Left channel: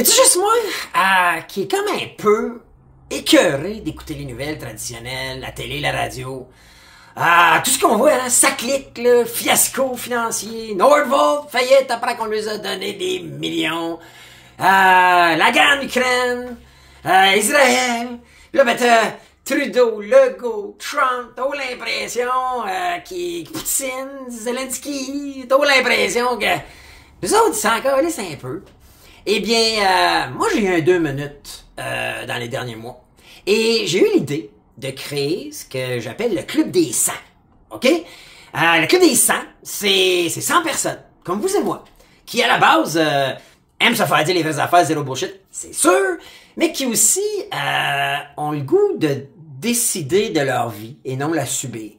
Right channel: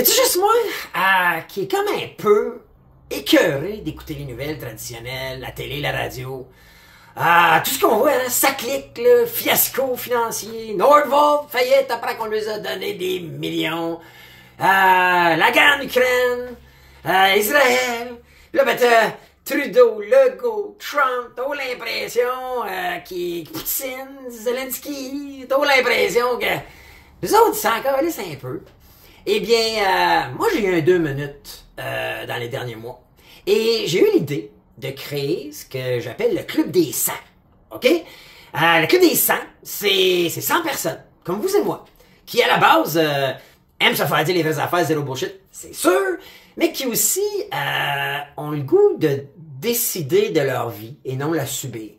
Y a-t-il juste moi qui est comme un peu écœuré d'écouter les nouvelles traditionnelles, la télé, la radio? Tout ce qu'on voit, hein, ça clique, là, fiasco financier, Nordvolt, faillite après qu'on lui a donné des millions, la guerre en Ukraine, Israël, là ben t'as Trudeau, Legault, Trump, t'as l'impression Poutine, Zelensky, t'as l'impression que nous autres, c'est encore un peu. Eh bien, moi j'ai eu un 2 minutes dans les derniers mois. Et j'ai eu l'idée de créer ce que j'appelle le Club des 100. OK? Le Club des 100, c'est 100 personnes, comme vous et moi, qui à la base aiment se faire dire les vraies affaires, zéro bullshit, c'est sûr, mais qui aussi ont le goût de décider de leur vie et non la subir.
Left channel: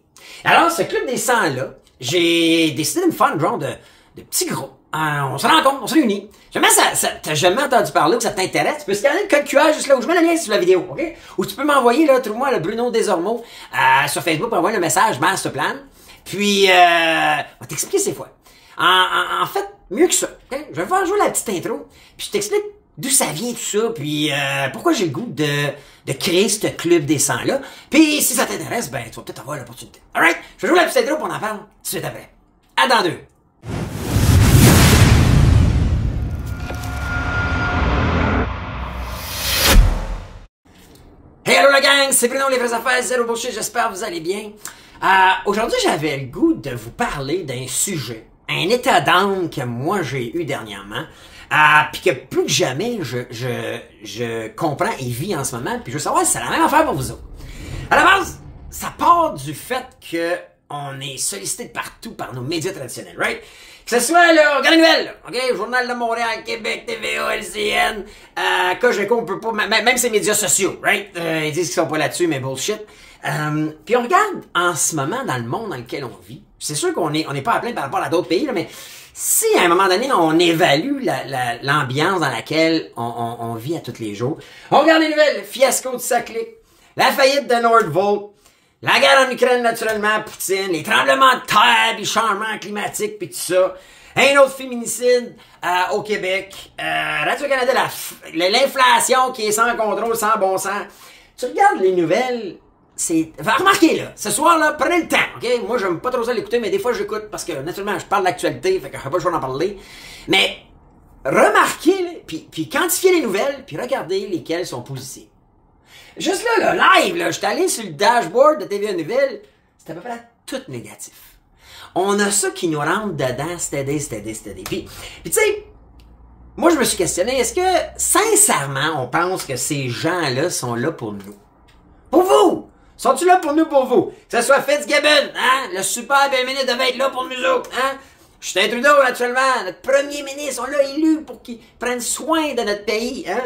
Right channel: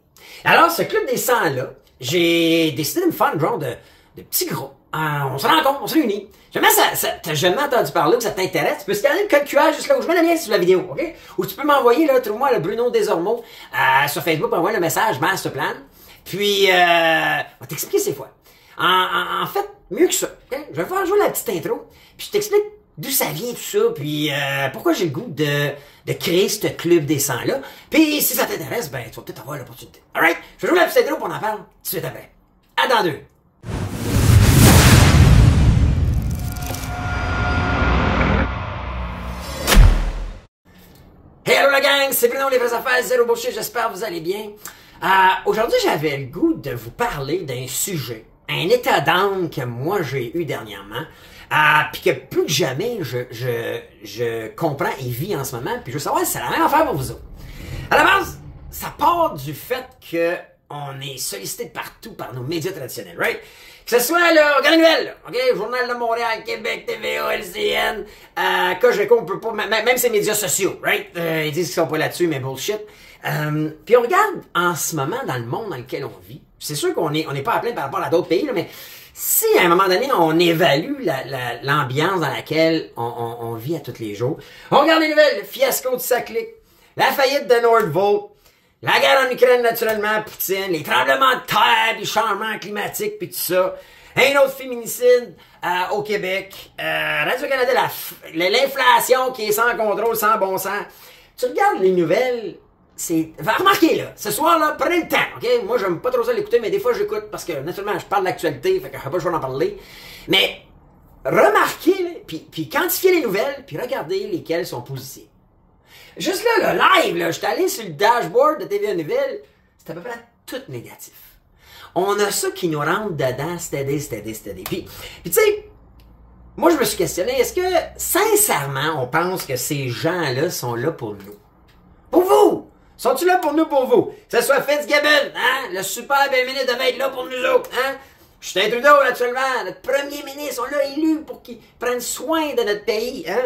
Alors, ce Club des 100-là, j'ai décidé de me faire une genre de petits groupes. On se rencontre, on se réunit. Jamais t'as jamais entendu parler ou ça t'intéresse, tu peux scanner le code QR juste là où je mets le lien sur la vidéo, OK? Ou tu peux m'envoyer, là, trouve-moi le Bruno Desormeaux sur Facebook pour envoyer le message Masterplan. Puis, on va t'expliquer ces fois. En fait, mieux que ça, okay? Je vais faire jouer la petite intro, puis je t'explique d'où ça vient tout ça, puis pourquoi j'ai le goût de créer ce club des 100-là. Puis, si ça t'intéresse, ben, tu vas peut-être avoir l'opportunité. Alright? Je vais jouer la petite intro, puis on en parle tout de suite après. À dans 2. Hey, hello la gang, c'est Bruno, les vraies affaires, zéro bullshit, j'espère que vous allez bien. Aujourd'hui, j'avais le goût de vous parler d'un sujet, un état d'âme que moi j'ai eu dernièrement, puis que plus que jamais je comprends et vis en ce moment, puis je veux savoir si c'est la même affaire pour vous autres. À la base, ça part du fait que on est sollicité de partout par nos médias traditionnels, right? Que ce soit, là, regardez les nouvelles, OK? Journal de Montréal, Québec, TVA, LCN, Cogeco, on peut pas, même ces médias sociaux, right? Ils disent qu'ils sont pas là-dessus, mais bullshit. Puis on regarde en ce moment dans le monde dans lequel on vit. C'est sûr qu'on n'est pas à plaindre par rapport à d'autres pays, là, mais si à un moment donné, on évalue l'ambiance dans laquelle on vit à tous les jours, on regarde les nouvelles, le fiasco de Saclic, la faillite de Nordvolt, la guerre en Ukraine, naturellement, Poutine, les tremblements de terre, les changements climatiques, puis tout ça. Un autre féminicide au Québec. Radio-Canada, l'inflation qui est sans contrôle, sans bon sens. Tu regardes les nouvelles, c'est... Remarquez, là, ce soir, là, prenez le temps, OK? Moi, j'aime pas trop ça l'écouter, mais des fois, j'écoute parce que, naturellement, je parle d'actualité, fait que je n'ai pas le choix d'en parler. Mais, remarquez, là, puis quantifiez les nouvelles, puis regardez lesquelles sont positives. Juste là, le live, là, je suis allé sur le dashboard de TVA Nouvelles, c'est à peu près tout négatif. On a ça qui nous rentre dedans, steady. Puis tu sais, moi je me suis questionné, est-ce que, sincèrement, on pense que ces gens-là sont là pour nous? Pour vous! Sont-ils là pour nous, pour vous? Que ce soit Fitzgibbon, hein? Le super premier ministre devait être là pour nous autres, hein? Justin Trudeau, actuellement, notre premier ministre, on l'a élu pour qu'il prenne soin de notre pays, hein?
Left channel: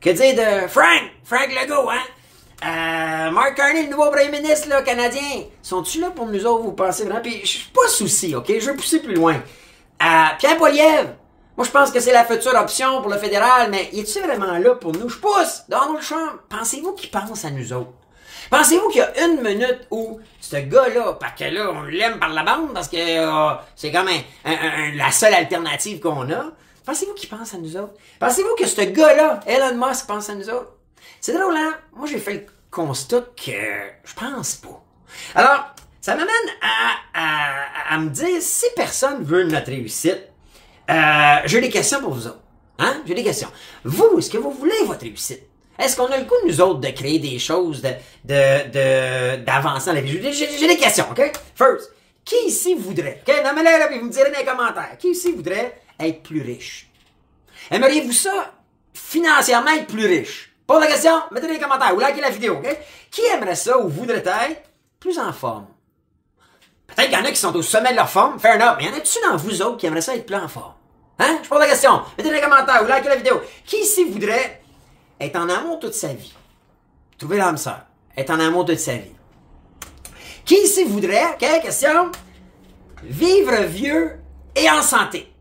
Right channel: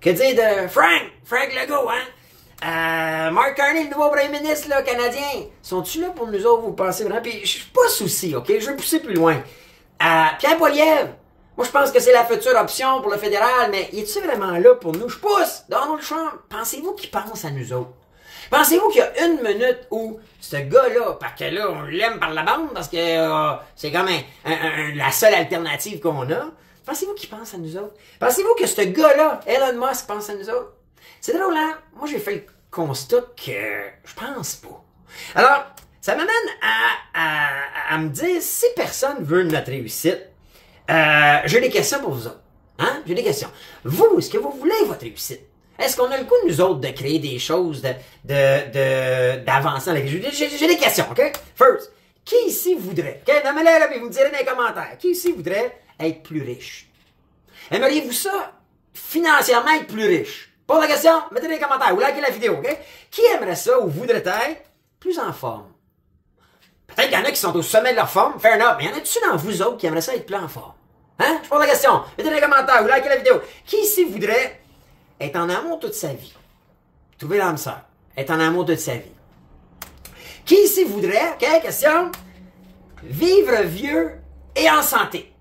Que dire de Frank Legault, hein? Mark Carney, le nouveau premier ministre là, canadien. Sont-ils là pour nous autres, vous pensez vraiment? Puis je suis pas souci, OK? Je vais pousser plus loin. Pierre Poilievre, moi je pense que c'est la future option pour le fédéral, mais est-il vraiment là pour nous? Je pousse! Donald Trump, pensez-vous qu'il pense à nous autres? Pensez-vous qu'il y a une minute où ce gars-là, parce que là, on l'aime par la bande, parce que c'est comme la seule alternative qu'on a, pensez-vous qu'il pense à nous autres? Pensez-vous que ce gars-là, Elon Musk, pense à nous autres? C'est drôle, hein? Moi, j'ai fait le constat que je pense pas. Alors, ça m'amène à me dire, si personne veut notre réussite, j'ai des questions pour vous autres. Hein? J'ai des questions. Vous, est-ce que vous voulez votre réussite? Est-ce qu'on a le goût, nous autres, de créer des choses, d'avancer dans la vie? J'ai des questions, OK? First, qui ici voudrait, OK? Nommez-les là, puis vous me direz dans les commentaires. Qui ici voudrait être plus riche? Aimeriez-vous ça, financièrement, être plus riche? Pose la question, mettez dans les commentaires ou likez la vidéo, OK? Qui aimerait ça ou voudrait être plus en forme? Peut-être qu'il y en a qui sont au sommet de leur forme, fair enough, mais y en a-tu dans vous autres qui aimeraient ça être plus en forme? Hein? Je pose la question, mettez dans les commentaires ou likez la vidéo. Qui ici voudrait être en amour toute sa vie? Trouver l'âme sœur. Être en amour toute sa vie. Qui ici voudrait, OK, question, vivre vieux et en santé?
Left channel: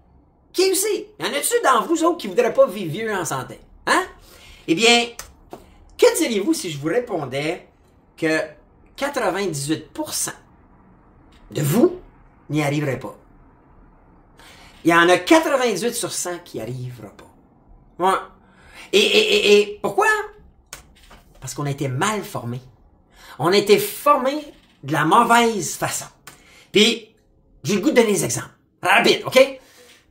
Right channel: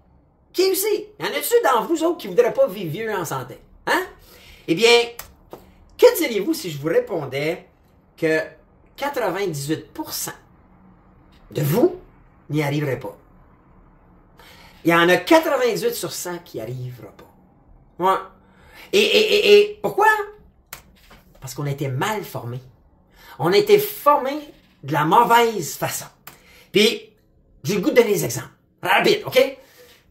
Qui aussi? Y en a-tu dans vous autres qui voudraient pas vivre vieux et en santé? Hein? Eh bien, que diriez-vous si je vous répondais que 98% de vous n'y arriverez pas? Il y en a 98 sur 100 qui n'y arriveront pas. Ouais. Et pourquoi? Parce qu'on a été mal formés. On a été formés de la mauvaise façon. Puis, j'ai le goût de donner des exemples. Rapide, OK?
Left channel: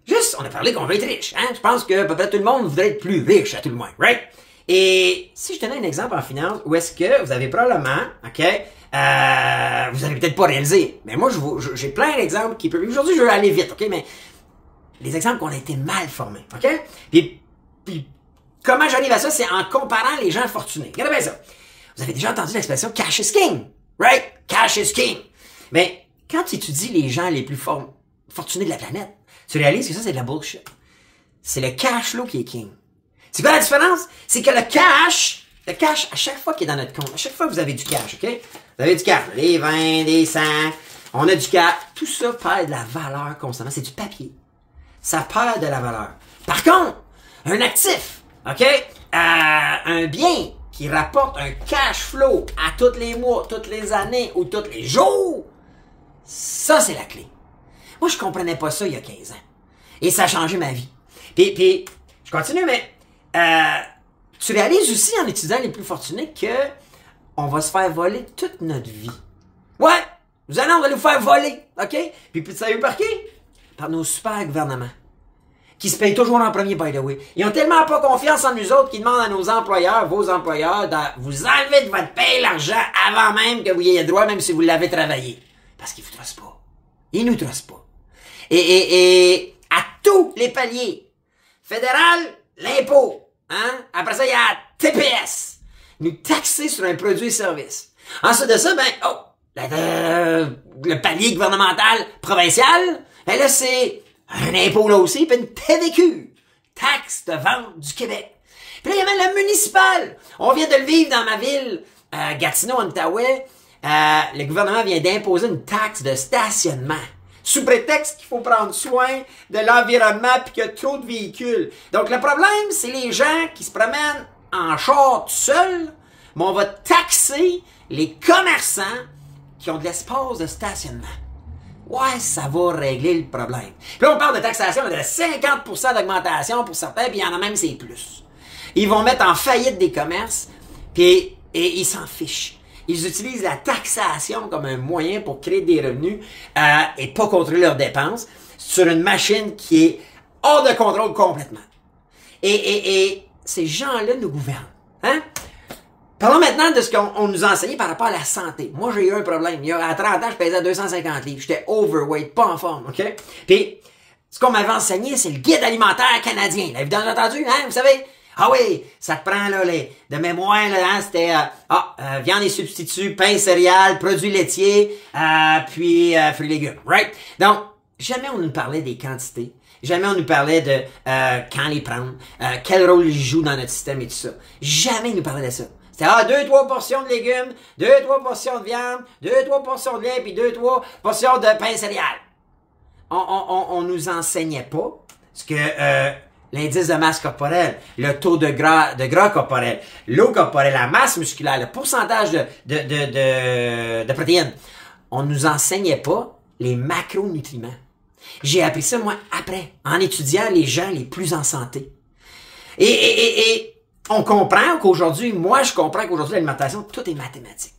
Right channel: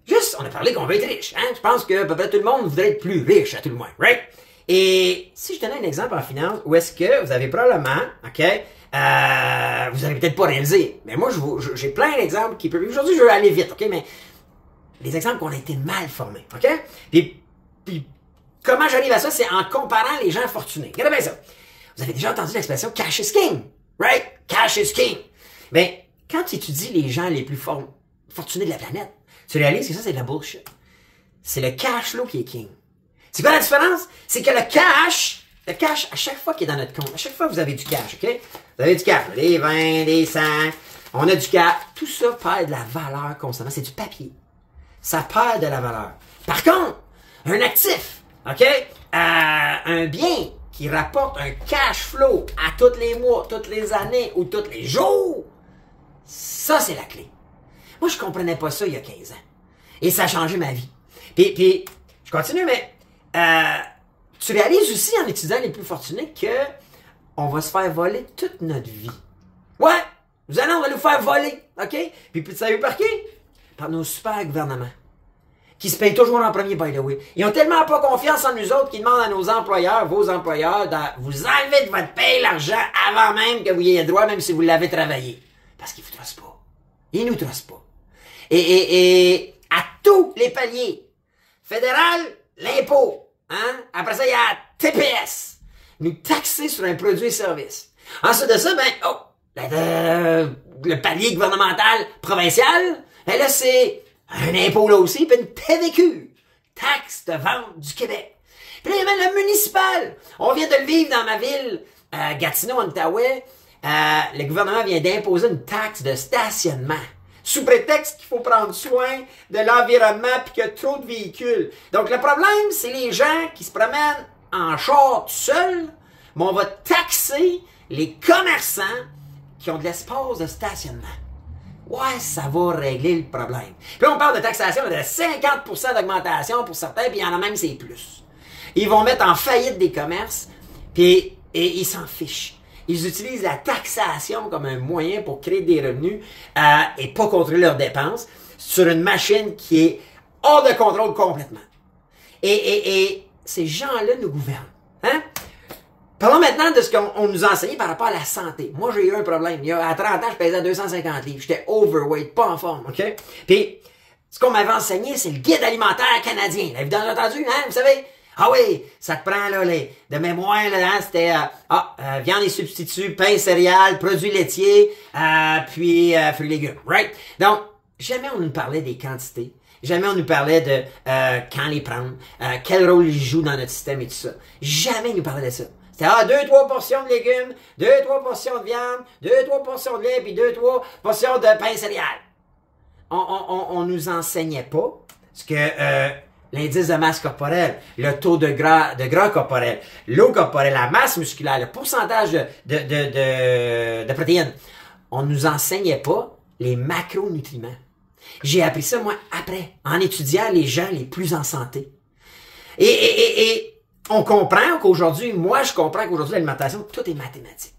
Juste, on a parlé qu'on veut être riche. Hein? Je pense que peut-être tout le monde voudrait être plus riche, à tout le moins, right? Et si je donnais un exemple en finance, où est-ce que vous avez probablement, OK, vous allez peut-être pas réaliser, mais moi, j'ai plein d'exemples qui peuvent... Aujourd'hui, je veux aller vite, OK, mais des exemples qu'on a été mal formés, OK? Puis comment j'arrive à ça? C'est en comparant les gens fortunés. Regardez bien ça. Vous avez déjà entendu l'expression « cash is king », right? Cash is king. Mais quand tu étudies les gens les plus fortunés de la planète, tu réalises que ça, c'est de la bullshit. C'est le cash flow qui est king. C'est quoi la différence? C'est que le cash, à chaque fois qu'il est dans notre compte, à chaque fois que vous avez du cash, OK? Vous avez du cash, des 20, des 100, on a du cash. Tout ça perd de la valeur constamment. C'est du papier. Ça perd de la valeur. Par contre, un actif, OK? Un bien qui rapporte un cash flow à tous les mois, toutes les années ou tous les jours, ça, c'est la clé. Moi, je comprenais pas ça il y a 15 ans. Et ça a changé ma vie. Puis je continue, mais tu réalises aussi en étudiant les plus fortunés que on va se faire voler toute notre vie. Ouais, vous allez, on va nous faire voler, OK? Puis vous savez par qui? Par nos super gouvernements. Qui se payent toujours en premier, by the way. Ils ont tellement pas confiance en nous autres qu'ils demandent à nos employeurs, vos employeurs, de vous enlever de votre paye l'argent avant même que vous y ayez droit, même si vous l'avez travaillé. Parce qu'ils vous trustent pas. Ils nous trustent pas. Et à tous les paliers. Fédéral, l'impôt. Hein? Après ça, il y a TPS. Nous taxer sur un produit et service. Ensuite de ça, le palier gouvernemental provincial, ben là, c'est un impôt là aussi, puis une TVQ. Taxe de vente du Québec. Puis là, il y a même le municipal. On vient de le vivre dans ma ville, Gatineau, en Outaouais. Le gouvernement vient d'imposer une taxe de stationnement. Sous prétexte qu'il faut prendre soin de l'environnement et qu'il y a trop de véhicules. Donc, le problème, c'est les gens qui se promènent en char tout seuls, mais on va taxer les commerçants qui ont de l'espace de stationnement. Ouais, ça va régler le problème. Puis là, on parle de taxation de 50% d'augmentation pour certains, puis il y en a même, c'est plus. Ils vont mettre en faillite des commerces, et ils s'en fichent. Ils utilisent la taxation comme un moyen pour créer des revenus et pas contrôler leurs dépenses sur une machine qui est hors de contrôle complètement. Et ces gens-là nous gouvernent. Hein? Parlons maintenant de ce qu'on nous a enseigné par rapport à la santé. Moi, j'ai eu un problème. À 30 ans, je pesais 250 livres. J'étais overweight, pas en forme, OK? Puis, ce qu'on m'avait enseigné, c'est le guide alimentaire canadien. L'avez-vous entendu, hein? Vous savez? Ah oui, ça te prend, là, de mémoire, là, hein, c'était, viande et substituts, pain, céréales, produits laitiers, puis fruits et légumes, right? Donc, jamais on nous parlait des quantités. Jamais on nous parlait de quand les prendre, quel rôle ils jouent dans notre système et tout ça. Jamais ils nous parlaient de ça. C'était 2-3 portions de légumes, 2-3 portions de viande, 2-3 portions de lait, puis 2-3 portions de pain céréales. On nous enseignait pas ce que l'indice de masse corporelle, le taux de gras corporel, l'eau corporelle, la masse musculaire, le pourcentage de protéines. On nous enseignait pas les macronutriments. J'ai appris ça, moi, après, en étudiant les gens les plus en santé. Et on comprend qu'aujourd'hui, moi, je comprends qu'aujourd'hui, l'alimentation, tout est mathématique.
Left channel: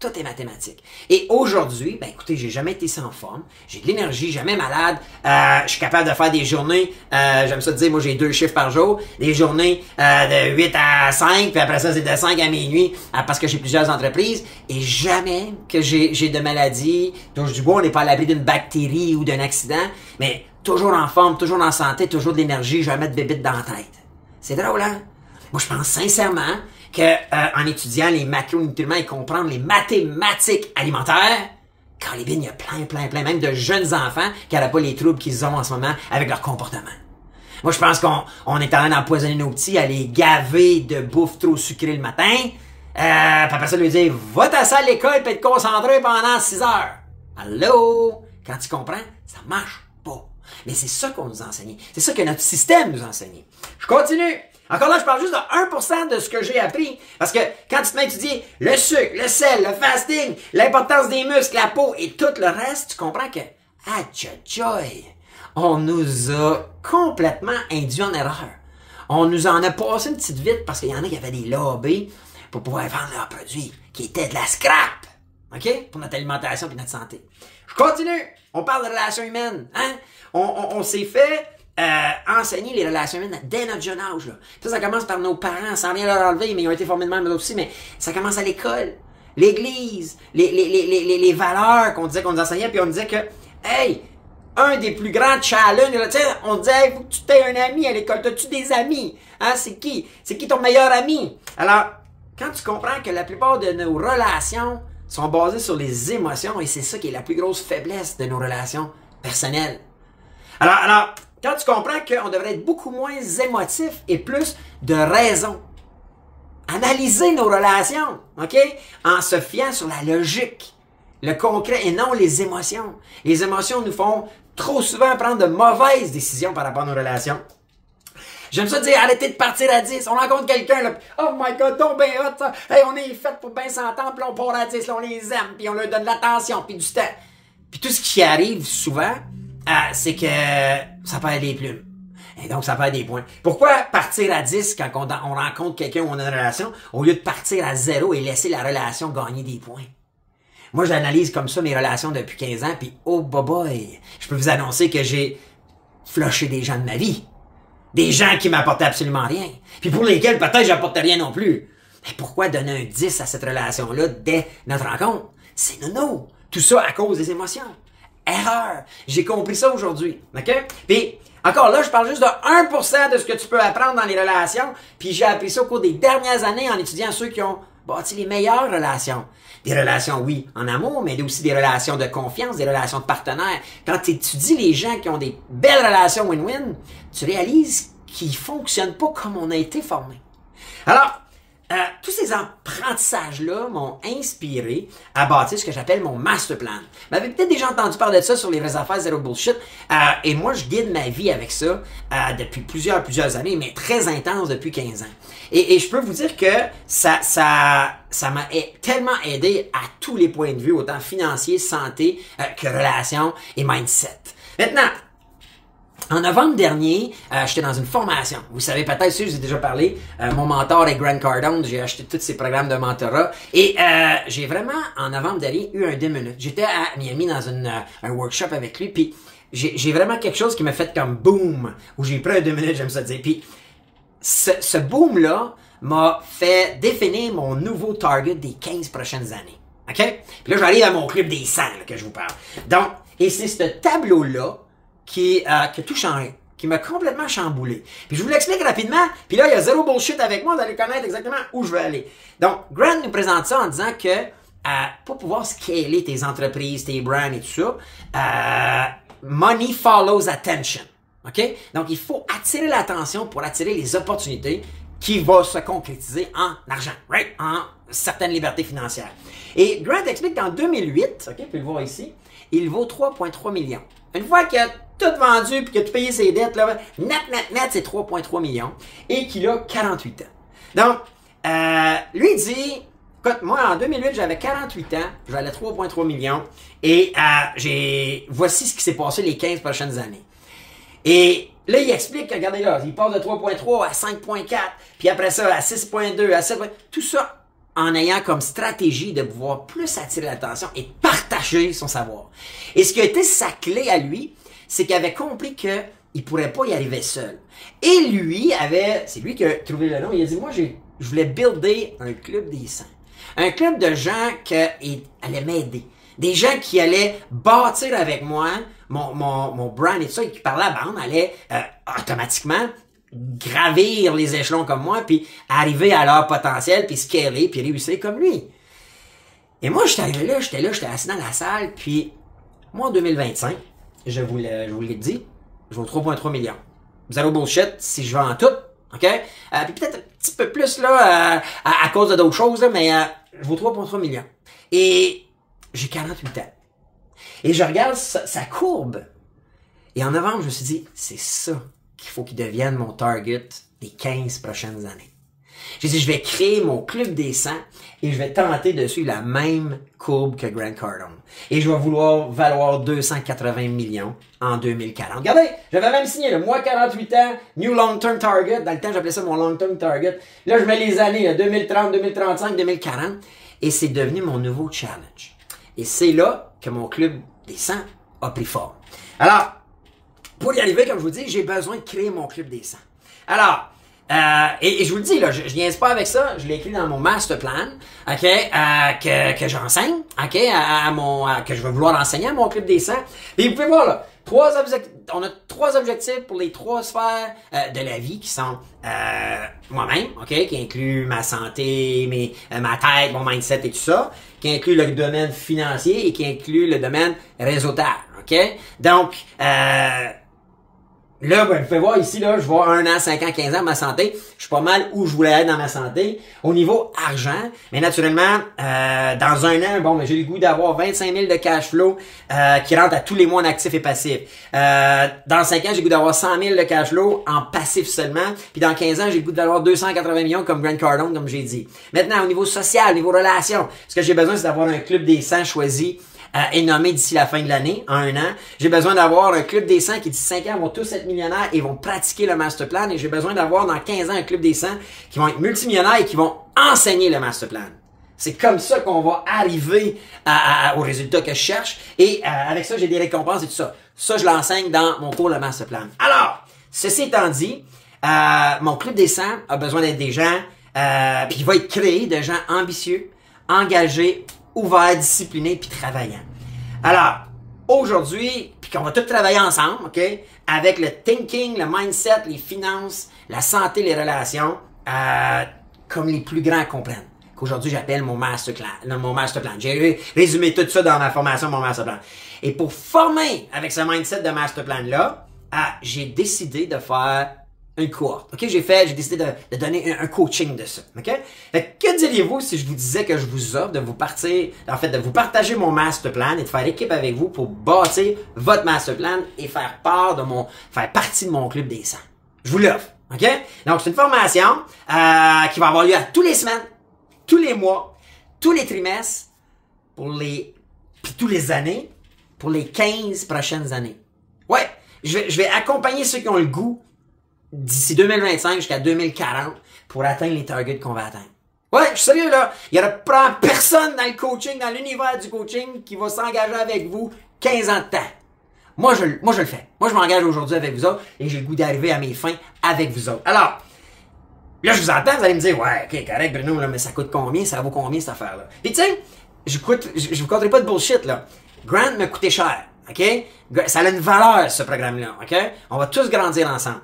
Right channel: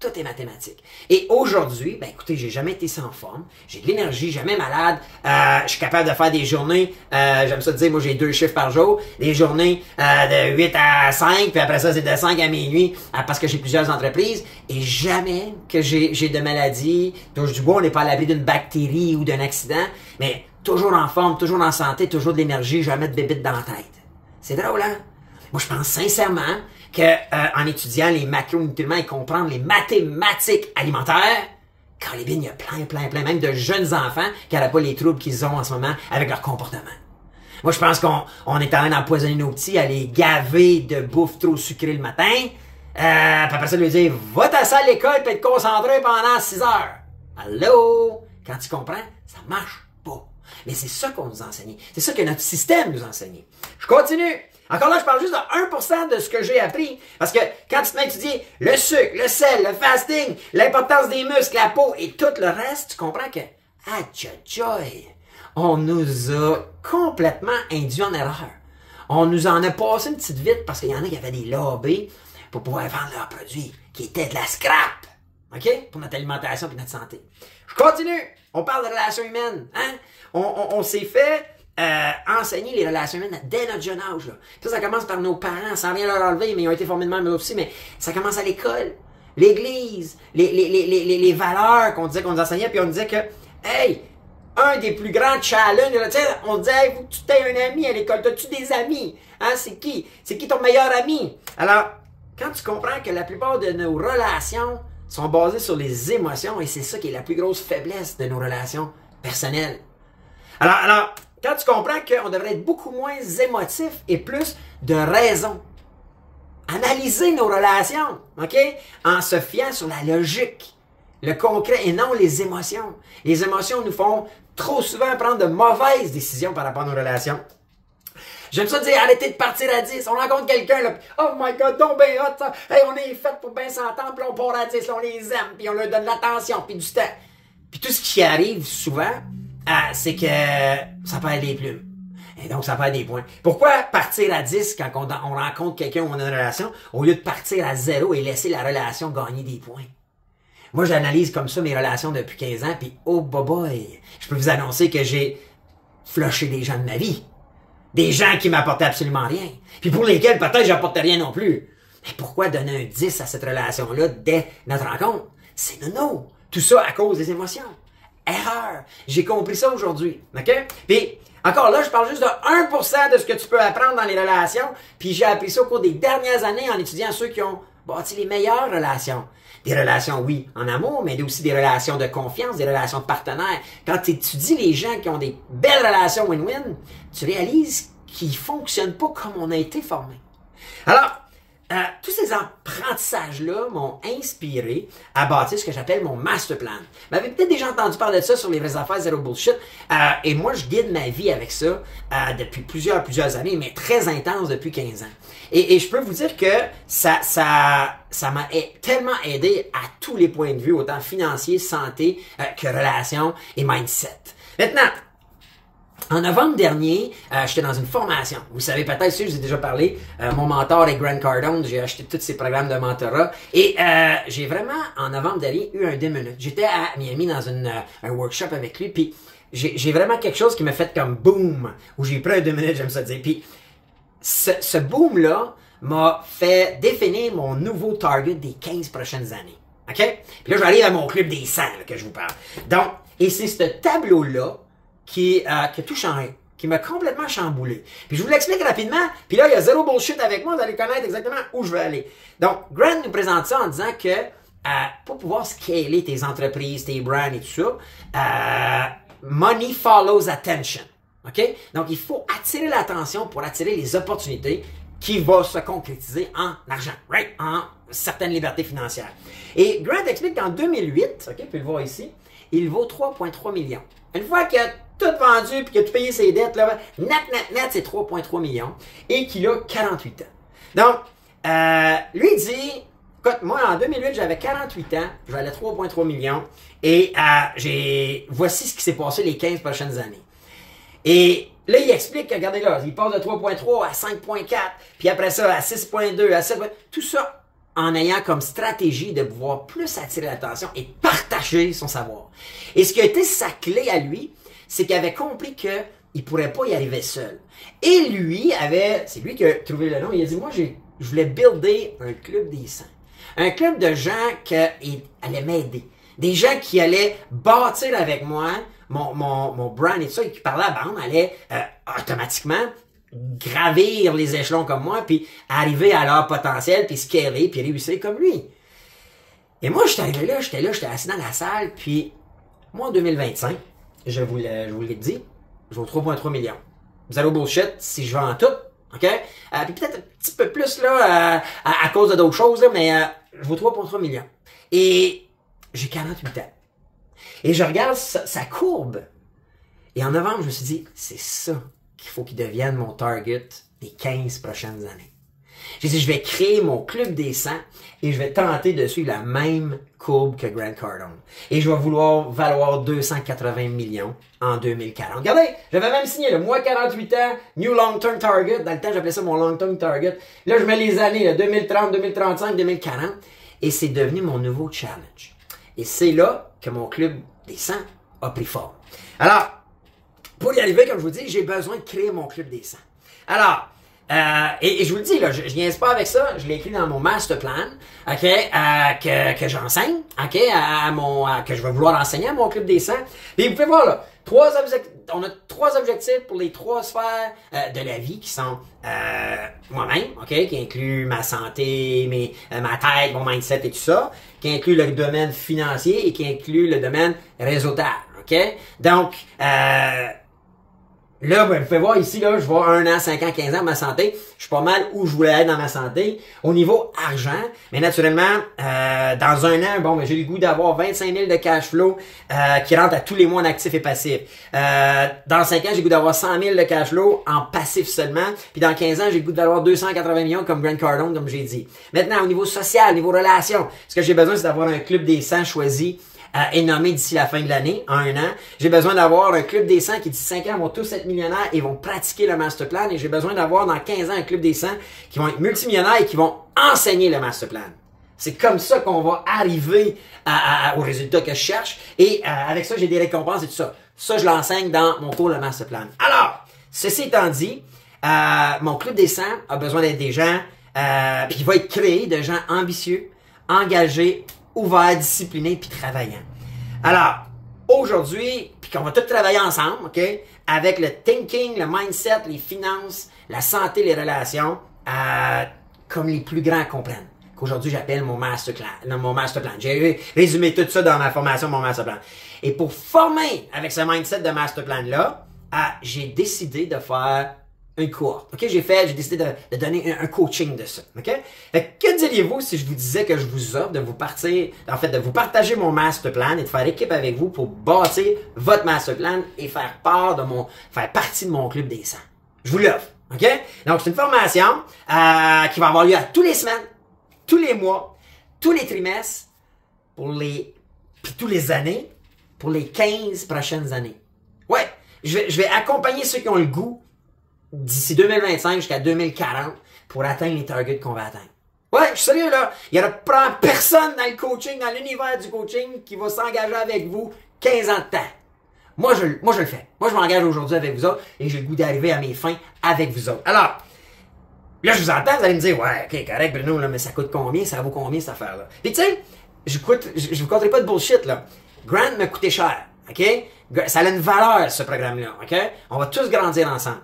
Tout est mathématique. Et aujourd'hui, ben écoutez, j'ai jamais été sans forme, j'ai de l'énergie, jamais malade, je suis capable de faire des journées, j'aime ça dire, moi j'ai 2 chiffres par jour, des journées de 8 à 5, puis après ça c'est de 5 à minuit, parce que j'ai plusieurs entreprises, et jamais que j'ai de maladie, touche du bois, on n'est pas à l'abri d'une bactérie ou d'un accident, mais toujours en forme, toujours en santé, toujours de l'énergie, jamais de bébite dans la tête. C'est drôle, hein? Moi je pense sincèrement en étudiant les macronutriments et comprendre les mathématiques alimentaires, quand les bines, il y a plein, même de jeunes enfants qui n'auraient pas les troubles qu'ils ont en ce moment avec leur comportement. Moi, je pense qu'on est en train d'empoisonner nos petits, à les gaver de bouffe trop sucrée le matin, puis après ça, lui dire, va t'asseoir à l'école et te concentrer pendant 6 heures. Allô? Quand tu comprends, ça marche pas. Mais c'est ça qu'on nous a enseigné. C'est ça que notre système nous a enseigné. Je continue. Encore là, je parle juste de 1% de ce que j'ai appris. Parce que quand tu te mets à étudier le sucre, le sel, le fasting, l'importance des muscles, la peau et tout le reste, tu comprends que, on nous a complètement induit en erreur. on nous en a passé une petite vite parce qu'il y en a qui avaient des lobbies pour pouvoir vendre leurs produits, qui étaient de la scrap, OK? Pour notre alimentation et notre santé. Je continue. On parle de relations humaines, hein? On s'est fait enseigner les relations humaines dès notre jeune âge, là. Ça commence par nos parents, sans rien leur enlever, mais ils ont été formés de même aussi, mais ça commence à l'école, l'église, les valeurs qu'on disait qu'on nous enseignait, puis on disait que, hey, un des plus grands challenges, tu sais, on disait, hey, faut que tu t'aies un ami à l'école, t'as-tu des amis? Hein, c'est qui? C'est qui ton meilleur ami? Alors, quand tu comprends que la plupart de nos relations sont basées sur les émotions, et c'est ça qui est la plus grosse faiblesse de nos relations personnelles. Alors, quand tu comprends qu'on devrait être beaucoup moins émotif et plus de raison, analyser nos relations, OK? En se fiant sur la logique, le concret et non les émotions. Les émotions nous font trop souvent prendre de mauvaises décisions par rapport à nos relations. J'aime ça dire, arrêtez de partir à 10. On rencontre quelqu'un, là, oh my god, donc ben hot, ça. Hey, on est fait pour bien s'entendre, puis on part à 10, là, on les aime, puis on leur donne de l'attention, puis du temps. Puis tout ce qui arrive souvent, c'est que ça perd des plumes. Et donc, ça perd des points. Pourquoi partir à 10 quand on rencontre quelqu'un où on a une relation, au lieu de partir à 0 et laisser la relation gagner des points? Moi, j'analyse comme ça mes relations depuis 15 ans, puis oh boy, je peux vous annoncer que j'ai flushé des gens de ma vie. Des gens qui m'apportaient absolument rien. Puis pour lesquels peut-être j'apportais rien non plus. Mais pourquoi donner un 10 à cette relation-là dès notre rencontre? C'est nono. Tout ça à cause des émotions. Erreur. J'ai compris ça aujourd'hui. OK? Puis, encore là, je parle juste de 1% de ce que tu peux apprendre dans les relations. Puis j'ai appris ça au cours des dernières années en étudiant ceux qui ont bâti les meilleures relations. Des relations, oui, en amour, mais aussi des relations de confiance, des relations de partenaires. Quand tu étudies les gens qui ont des belles relations win-win, tu réalises qu'ils ne fonctionnent pas comme on a été formé. Alors, tous ces apprentissages-là m'ont inspiré à bâtir ce que j'appelle mon master plan. Vous avez peut-être déjà entendu parler de ça sur les vraies affaires Zero Bullshit. Et moi, je guide ma vie avec ça depuis plusieurs années, mais très intense depuis 15 ans. Et je peux vous dire que ça m'a tellement aidé à tous les points de vue, autant financier, santé, que relations et mindset. Maintenant, en novembre dernier, j'étais dans une formation. Vous savez peut-être, si je vous ai déjà parlé, mon mentor est Grant Cardone. J'ai acheté tous ses programmes de mentorat. Et j'ai vraiment, en novembre dernier, eu un 2 minutes. J'étais à Miami dans un workshop avec lui. Puis j'ai vraiment quelque chose qui m'a fait comme boom. Où j'ai pris un 2 minutes, j'aime ça dire. Puis ce boom-là m'a fait définir mon nouveau target des 15 prochaines années. OK? Puis là, j'arrive à mon club des 100 là, que je vous parle. Donc, et c'est ce tableau-là qui a tout changé, qui m'a complètement chamboulé. Puis je vous l'explique rapidement, puis là, il y a zéro bullshit avec moi, vous allez connaître exactement où je veux aller. Donc, Grant nous présente ça en disant que pour pouvoir scaler tes entreprises, tes brands et tout ça, money follows attention. OK? Donc, il faut attirer l'attention pour attirer les opportunités qui vont se concrétiser en argent, right? En certaines libertés financières. Et Grant explique qu'en 2008, OK, vous pouvez le voir ici, il vaut 3,3 millions. Une fois qu'il a tout vendu et qu'il a tout payé ses dettes, là, net, c'est 3,3 millions et qu'il a 48 ans. Donc, lui, il dit, écoute, moi, en 2008, j'avais 48 ans, j'avais 3,3 millions et voici ce qui s'est passé les 15 prochaines années. Et là, il explique, regardez là, il passe de 3,3 à 5,4, puis après ça, à 6,2, à 7,2, tout ça en ayant comme stratégie de pouvoir plus attirer l'attention et partager son savoir. Et ce qui a été sa clé à lui, c'est qu'il avait compris qu'il ne pourrait pas y arriver seul. Et lui c'est lui qui a trouvé le nom, il a dit, moi, je voulais builder un club des 100. Un club de gens qui allaient m'aider. Des gens qui allaient bâtir avec moi mon brand et tout ça, et qui par la bande allaient automatiquement gravir les échelons comme moi, puis arriver à leur potentiel, puis scaler, puis réussir comme lui. Et moi, j'étais arrivé là, j'étais assis dans la salle, puis moi, en 2025, je vous l'ai dit, je vaux 3,3 millions. Zéro bullshit, si je vends tout, OK? Puis peut-être un petit peu plus, là, à cause de d'autres choses, là, mais je vaux 3,3 millions. Et j'ai 48 ans. Et je regarde sa courbe. Et en novembre, je me suis dit, c'est ça qu'il faut qu'il devienne mon target des 15 prochaines années. J'ai dit, je vais créer mon club des 100 et je vais tenter de suivre la même courbe que Grant Cardone. Et je vais vouloir valoir 280 millions en 2040. Regardez, j'avais même signé le mois 48 ans, New Long Term Target. Dans le temps, j'appelais ça mon Long Term Target. Là, je mets les années, là, 2030, 2035, 2040. Et c'est devenu mon nouveau challenge. Et c'est là que mon club des 100 a pris forme. Alors, pour y arriver, comme je vous dis, j'ai besoin de créer mon club des 100. Alors, et je vous le dis, là, je viens pas avec ça, je l'ai écrit dans mon master plan, ok, que j'enseigne, ok, que je vais vouloir enseigner à mon club des 100. Et vous pouvez voir, là, on a 3 objectifs pour les 3 sphères de la vie qui sont moi-même, ok, qui inclut ma santé, ma tête, mon mindset et tout ça, qui inclut le domaine financier et qui inclut le domaine réseautage, ok. Donc, là, ben, vous pouvez voir ici, là, je vois 1 an, 5 ans, 15 ans, ma santé. Je suis pas mal où je voulais être dans ma santé. Au niveau argent, mais naturellement, dans 1 an, bon, ben, j'ai le goût d'avoir 25 000 de cash flow qui rentre à tous les mois en actif et passif. Dans 5 ans, j'ai le goût d'avoir 100 000 de cash flow en passif seulement. Puis dans 15 ans, j'ai le goût d'avoir 280 millions comme Grant Cardone, comme j'ai dit. Maintenant, au niveau social, au niveau relation, ce que j'ai besoin, c'est d'avoir un club des 100 choisi est nommé d'ici la fin de l'année, en 1 an. J'ai besoin d'avoir un club des 100 qui d'ici 5 ans vont tous être millionnaires et vont pratiquer le master plan. Et j'ai besoin d'avoir dans 15 ans un club des 100 qui vont être multimillionnaires et qui vont enseigner le master plan. C'est comme ça qu'on va arriver au résultat que je cherche. Et avec ça, j'ai des récompenses et tout ça. Ça, je l'enseigne dans mon cours le master plan. Alors, ceci étant dit, mon club des 100 a besoin d'être des gens, puis il va être créé de gens ambitieux, engagés, ouverts, disciplinés, puis travaillants. Alors, aujourd'hui, puis qu'on va tous travailler ensemble, OK, avec le thinking, le mindset, les finances, la santé, les relations, comme les plus grands comprennent. Qu'aujourd'hui, j'appelle mon master plan. J'ai résumé tout ça dans ma formation, mon master plan. Et pour former avec ce mindset de master plan-là, j'ai décidé de faire une cohorte. OK, j'ai décidé de donner un coaching de ça. OK? Fait que diriez-vous si je vous disais que je vous offre de vous partager mon master plan et de faire équipe avec vous pour bâtir votre master plan et faire partie de mon club des 100. Je vous l'offre. OK? Donc, c'est une formation qui va avoir lieu à tous les semaines, tous les mois, tous les trimestres, puis tous les années, pour les 15 prochaines années. Ouais, je vais accompagner ceux qui ont le goût d'ici 2025 jusqu'à 2040 pour atteindre les targets qu'on va atteindre. Ouais, je suis sérieux là. Il n'y aura personne dans le coaching, dans l'univers du coaching qui va s'engager avec vous 15 ans de temps. Moi, je le fais. Moi, je m'engage aujourd'hui avec vous autres et j'ai le goût d'arriver à mes fins avec vous autres. Alors, là, je vous entends, vous allez me dire, ouais, ok, correct, Bruno, là, mais ça coûte combien? Ça vaut combien cette affaire-là? Puis tu sais, je vous conterai pas de bullshit, là. Grant m'a coûté cher, ok? Ça a une valeur, ce programme-là, ok? On va tous grandir ensemble.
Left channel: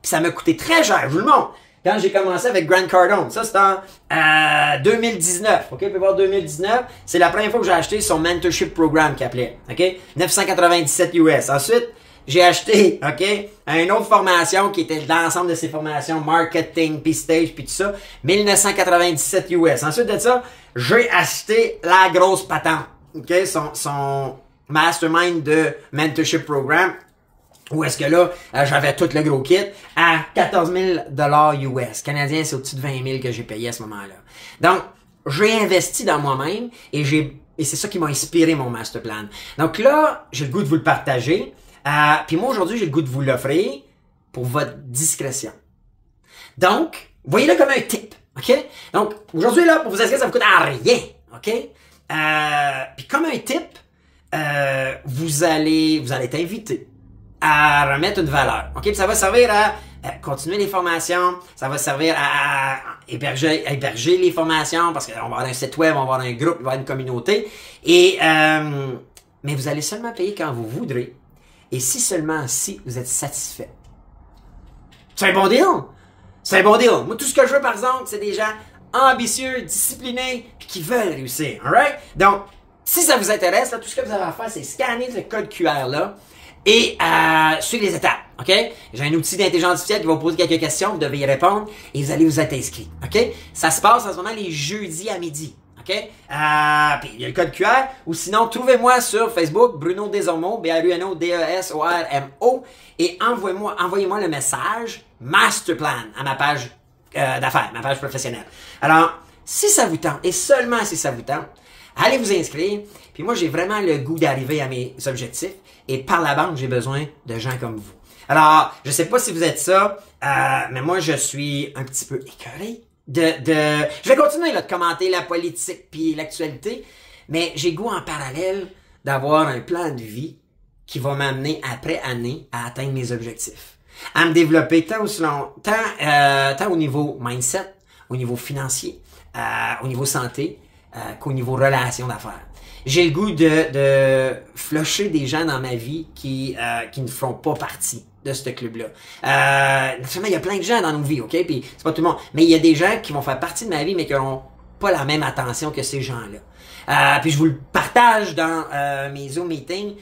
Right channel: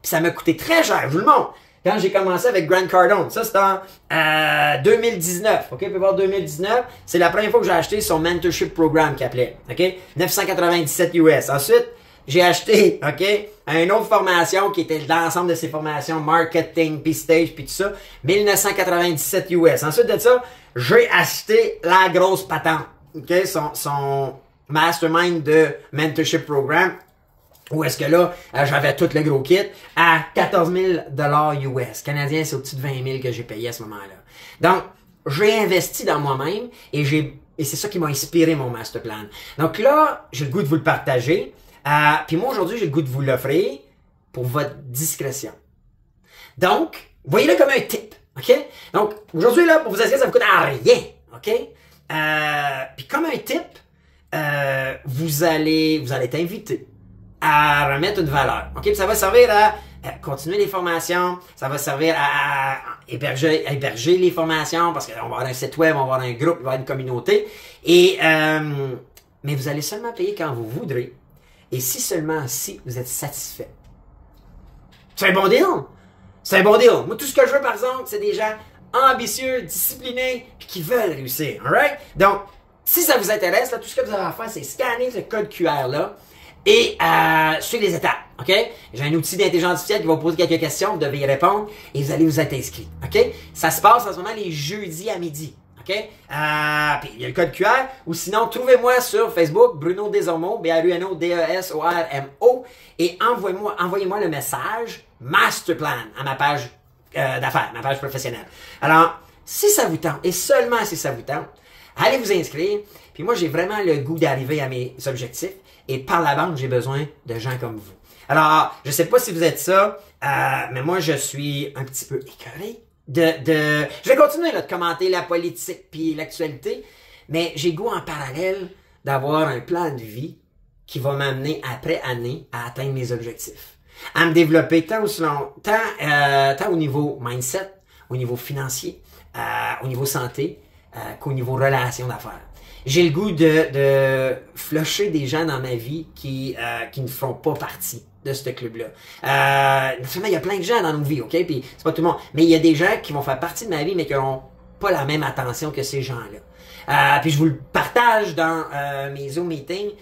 Puis ça m'a coûté très cher, je vous le montre. Quand j'ai commencé avec Grant Cardone, ça c'était en 2019, ok? Vous pouvez voir 2019, c'est la première fois que j'ai acheté son mentorship programme qu'il appelait, ok? 997 US. Ensuite, j'ai acheté, ok, une autre formation qui était l'ensemble de ces formations, marketing, puis stage, puis tout ça, 1997 US. Ensuite de ça, j'ai acheté la grosse patente, ok? Son mastermind de mentorship programme. Où est-ce que là, j'avais tout le gros kit à 14 000 US. Canadien, c'est au-dessus de 20 000 que j'ai payé à ce moment-là. Donc, j'ai investi dans moi-même et c'est ça qui m'a inspiré mon master plan. Donc là, j'ai le goût de vous le partager. Puis moi, aujourd'hui, j'ai le goût de vous l'offrir pour votre discrétion. Donc, voyez-le comme un tip. OK? Donc, aujourd'hui, là, pour vous inscrire, ça ne vous coûte rien. OK? Puis comme un tip, vous allez être invité à remettre une valeur. OK? Puis ça va servir à continuer les formations, ça va servir à héberger les formations, parce qu'on va avoir un site web, on va avoir un groupe, il va y avoir une communauté. Et mais vous allez seulement payer quand vous voudrez. Et si vous êtes satisfait. C'est un bon deal! C'est un bon deal. Moi, tout ce que je veux, par exemple, c'est des gens ambitieux, disciplinés, puis qui veulent réussir. Alright? Donc, si ça vous intéresse, là, tout ce que vous avez à faire, c'est scanner ce code QR-là et suivre les étapes. OK? J'ai un outil d'intelligence artificielle qui va vous poser quelques questions, vous devez y répondre et vous allez vous être inscrit. OK? Ça se passe en ce moment les jeudis à midi. OK? Puis il y a le code QR. Ou sinon, trouvez-moi sur Facebook, Bruno Desormeaux, BRUNO-DESORMO, et envoyez-moi le message Masterplan à ma page d'affaires, ma page professionnelle. Alors, si ça vous tente, et seulement si ça vous tente, allez vous inscrire. Puis moi, j'ai vraiment le goût d'arriver à mes objectifs. Et par la bande, j'ai besoin de gens comme vous. Alors, je sais pas si vous êtes ça, mais moi, je suis un petit peu écœuré je vais continuer là, de commenter la politique puis l'actualité, mais j'ai goût en parallèle d'avoir un plan de vie qui va m'amener après année à atteindre mes objectifs. À me développer tant au niveau mindset, au niveau financier, au niveau santé, qu'au niveau relation d'affaires. J'ai le goût de flusher des gens dans ma vie qui ne feront pas partie de ce club-là. Naturellement, il y a plein de gens dans nos vies, OK? Puis c'est pas tout le monde. Mais il y a des gens qui vont faire partie de ma vie, mais qui n'auront pas la même attention que ces gens-là. Puis je vous le partage dans mes Zoom meetings.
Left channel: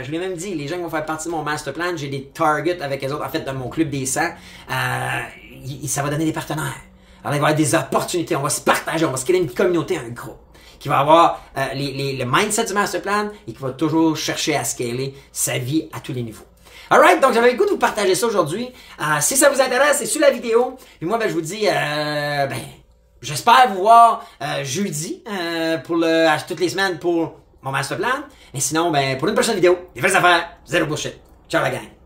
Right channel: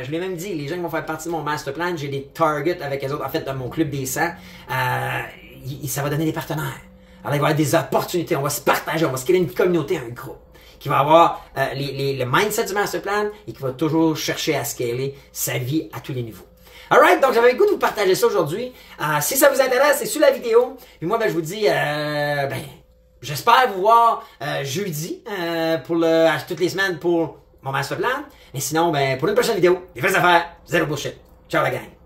Je vous l'ai même dit, les gens qui vont faire partie de mon master plan, j'ai des targets avec les autres. En fait, dans mon club des 100, ça va donner des partenaires. Alors, il va y avoir des opportunités. On va se partager, on va se créer une communauté, un groupe qui va avoir le mindset du master plan et qui va toujours chercher à scaler sa vie à tous les niveaux. Alright, donc j'avais le goût de vous partager ça aujourd'hui. Si ça vous intéresse, c'est sous la vidéo. Et moi, je vous dis, j'espère vous voir jeudi toutes les semaines pour mon master plan. Et sinon, pour une prochaine vidéo, des vraies affaires, zéro bullshit. Ciao la gang.